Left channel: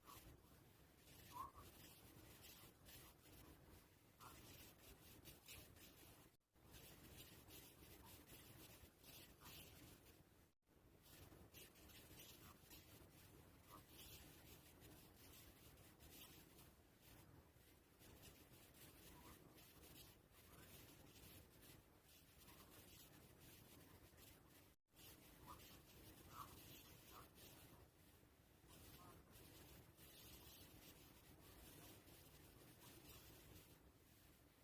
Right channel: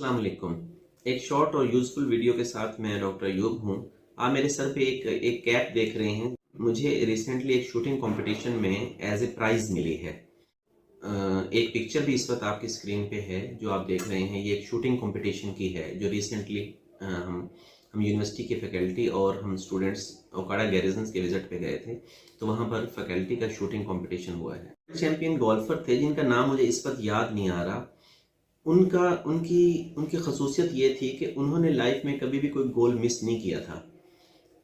अस्सलाम वालेकुम। एक शॉर्ट और यूज़फुल वीडियो के साथ मैं डॉक्टर अयूब हूँ। आप मेरे सर पे एक कैप देख रहे हैं। मुझे रिसेंटली एक शूटिंग कंपटीशन में एज ए प्राइज़ मिली है। एक पिक्चर भी इस वक्त आपकी स्क्रीन पे है जो आप देख रहे हैं। ये एक शूटिंग कंपटीशन की है जो रिसेंटली हम यूनिवर्सिटी के फैकल्टी और हम स्टूडेंट्स ओकाड़ा गैरिजन्स के विज़िट पे गए थे, तो वहाँ पर फैकल्टी का शूटिंग कंपटीशन हुआ है। चैम्पियन गोल्फर थे जिनका नाम मुझे इस वक्त याद नहीं आ रहा। उनका उनकी उनकी ख़ुसूसियत ये थी कि उन्होंने लाइफ में कभी भी कोई गोल मिस नहीं किया था।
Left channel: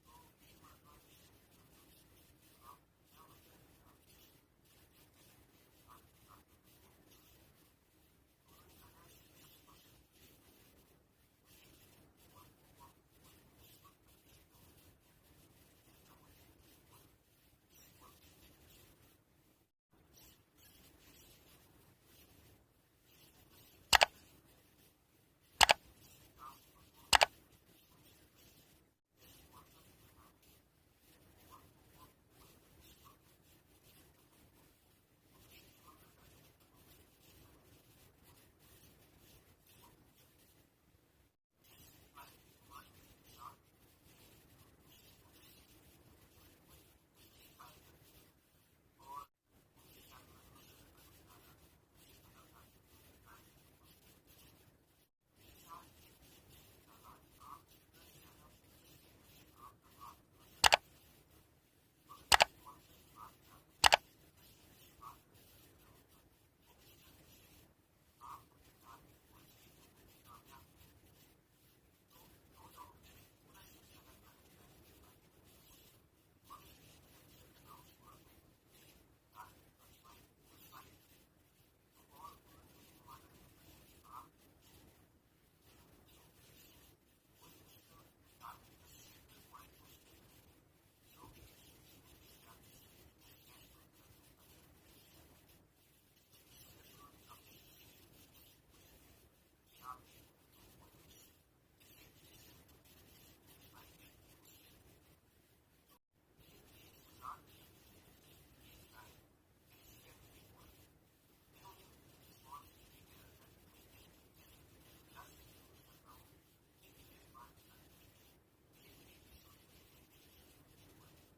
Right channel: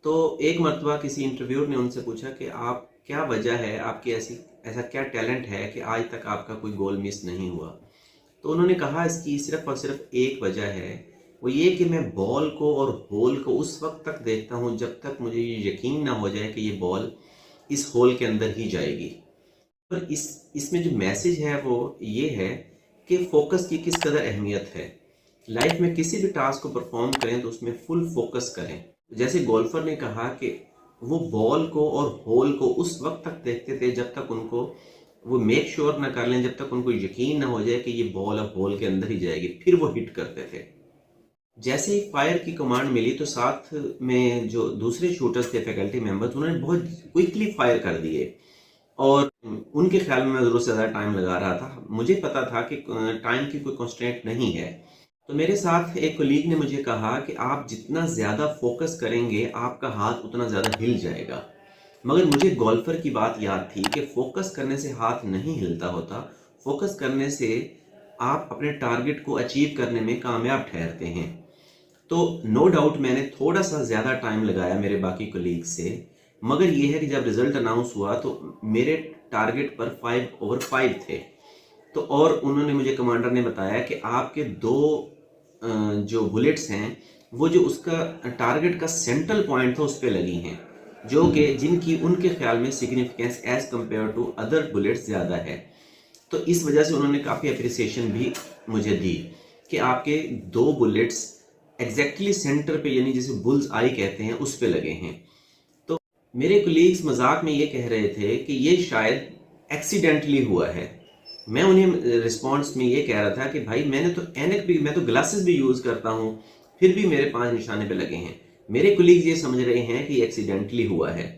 तो एक मर्तबा किसी इंटरव्यूअर ने उनसे पूछा कि आप क्या वजह है, आपकी ऐसा क्या टैलेंट है कि आज तक आपका कोई गोल मिस नहीं हुआ। तो उन्होंने कहा इसकी सिर्फ़ और सिर्फ एक वजह है, वो ये कि मैं बॉल को और होल को उस वक्त तक देखता हूँ जब तक मुझे ये यकीन ना हो जाए कि ये बॉल इस होल के अंदर ही जाएगी। पर इसमें जो मैसेज है वो ये है कि फोकस की किस कदर अहमियत है। लाइफ में किसी भी टास्क को परफॉर्म करें तो उसमें फुल फोकस करें। जैसे गोल्फर ने कहा कि वो बॉल को और होल को उस वक्त तक देखते थे जब तक उनको वो मेक श्योर ना कर लें, जब तक उनको यकीन ना हो जाए कि ये बॉल अब होल के अंदर ही जाएगी, फिर वो हिट करते थे। जैसे ही फायर की कमांड मिली तो साथ में जो दूसरे शूटर्स थे, फैकल्टी मेंबर्स, उन्होंने बहुत क्विकली फायर कर दिए और उनके ख्याल में मैं ज़रूर से ज़्यादा टाइम लगा रहा था। मुझे पता था कि टाइम की कोई कंस्ट्रेंट नहीं है। तो मेरे साथ एक कलीग ने मुझे कहा कि आप जितना ज़्यादा फोकस करेंगे, आपका हाथ उतना ज़्यादा हिल जाएगा। मगर मुझे गोल्फर की बात याद थी कि फोकस करने से हाथ नहीं हिलता होता। फोकस करने से आप अपने टारगेट को अचीव करने में कामयाब ठहरते हैं। तो नो डाउट मैंने थोड़ा-सा ज़्यादा टाइम लगाया मेरे बाकी कलीग से, मगर ये है कि जब रिज़ल्ट अनाउंस हुआ तो मेरे टारगेट पर 5 ओवर 5 थे। तो और उन्होंने मुझे कमांडर ने बताया कि आपके 2 जो बुलेट्स हैं, वो जो उसका टारगेट का सेंट्रल पॉइंट था उस पे लगी हैं, जो कि जिनकी उनके ख्याल में significance as compare to other bullets ज़्यादा है। तो इस वजह से उन्होंने काफ़ी एप्रिसिएशन भी मुझे दी कि आपके 2 बुलेट्स एग्जैक्टली सेंटर पे, यानी जिसे बुल्स आई कहते हैं, उस पे लगे हैं। तो मेरे कोलीग्स मजाक में ये कह रहे थे कि ये शायद एक्सीडेंटली हुआ है। मैं उन्हें रिस्पॉन्स में ये कह रहा था कि भाई मैंने तो एनक भी, मैं तो ग्लासेस भी यूज़ करता हूँ, फिर भी मेरे 5 निशाने पे लगे हैं। मेरे कोलीग्स ये समझ रहे हैं कि एक्सीडेंटली हुआ है,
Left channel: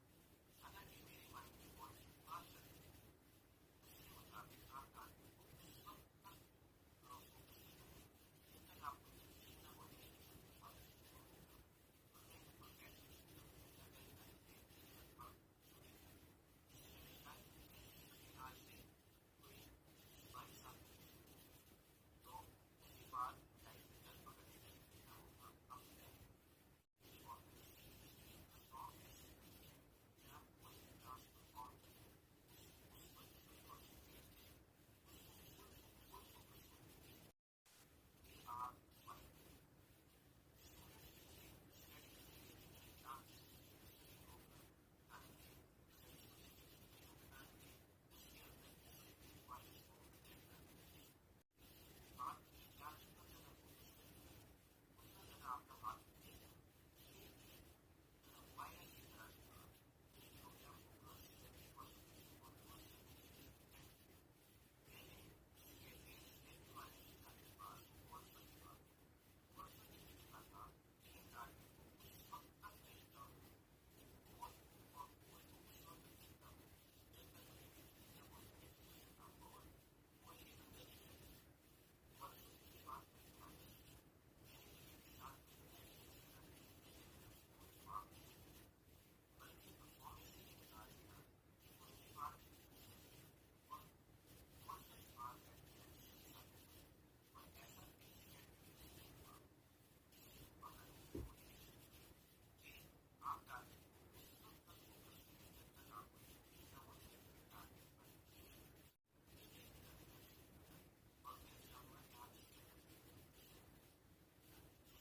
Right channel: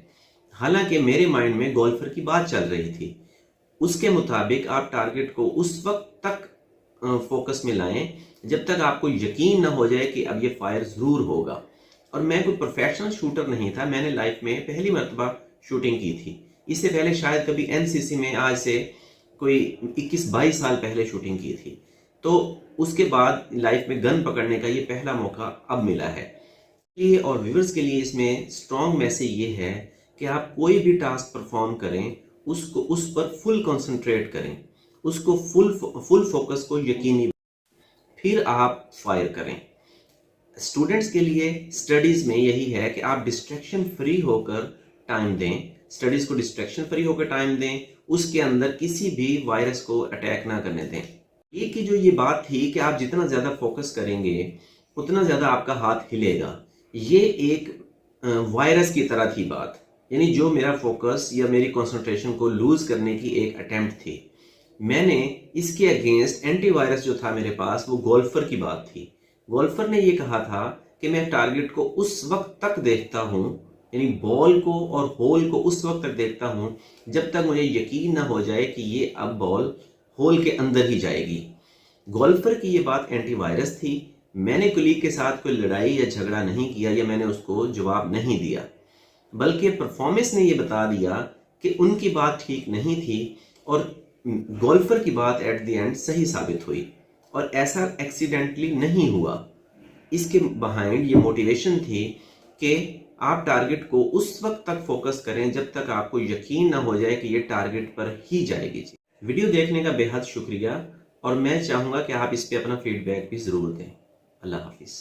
हालांकि मेरे माइंड में गोल्फर की बात चल रही थी। उसके मुताबिक आप टारगेट को उस वक्त तक फोकस में लाएं जब तक आपको यकीन ना हो जाए कि अब ये फायर ज़रूर होगा। और मैं कोई प्रोफेशनल शूटर नहीं था, मैंने लाइफ में पहली मरतबा शूटिंग की थी। इससे पहले शायद कभी एनसीसी में, आज से कोई 21-22 साल पहले शूटिंग की थी। तो उसके बाद लाइफ में गन पकड़ने का ये पहला मौका अब मिला है। ये और व्यूअर्स के लिए इसमें स्ट्रॉन्ग मैसेज ये है कि आप कोई भी टास्क परफॉर्म करें, उसको उस पर फुल कंसंट्रेट करें, उसको फुल फोकस को यकीनी, फिर आप फायर करें। स्टूडेंट्स के लिए स्टडीज़ में यही है कि आप डिस्ट्रैक्शन फ्री होकर टाइम दें, स्टडीज़ को डिस्ट्रैक्शन फ्री होकर टाइम दें, उसके अंदर किसी भी वायरस को अटैक ना करने दें। ये की जो ये बात थी कि आप जितना ज़्यादा फोकस करेंगे उतना ज़्यादा आपका हाथ हिलेगा, ये एक वायरस की तरह थी बात। यानी जो मेरा फोकस या मेरी कंसंट्रेशन को लूज़ करने की एक अटेम्प्ट थी, मैंने इसके अगेंस्ट एंटीवायरस जो था मेरे पास, वो गोल्फर की बात थी। गोल्फर ने ये कहा था कि मैं टारगेट को उस वक्त तक देखता हूँ, यानी बॉल को और होल को उस वक्त तक देखता हूँ जब तक मुझे यकीन ना हो जाए कि ये अब बॉल होल के अंदर ही जाएगी। गोल्फर की ये बात एंटीवायरस थी। मैंने कुलीग के साथ कोई लड़ाई या झगड़ा नहीं किया या मैंने उसको जवाब नहीं दिया, बल्कि परफॉर्मेंस ने ये बता दिया कि उनकी बात ठीक नहीं थी और गोल्फर की बात एट द एंड सही साबित हुई और ऐसा एक्सीडेंटली नहीं हुआ। इसके बिहाइंड ये मोटिवेशन थी कि आप टारगेट को उस वक्त तक फोकस करें जब तक आपको यकीन ना हो जाए कि ये टारगेट पर ही जाएगी। जी, वीडियो देखने का बेहद शुक्रिया और मैं चाहूँगा कि आप इस पे अपना फीडबैक भी ज़रूर दें। अल्लाह हाफिज़।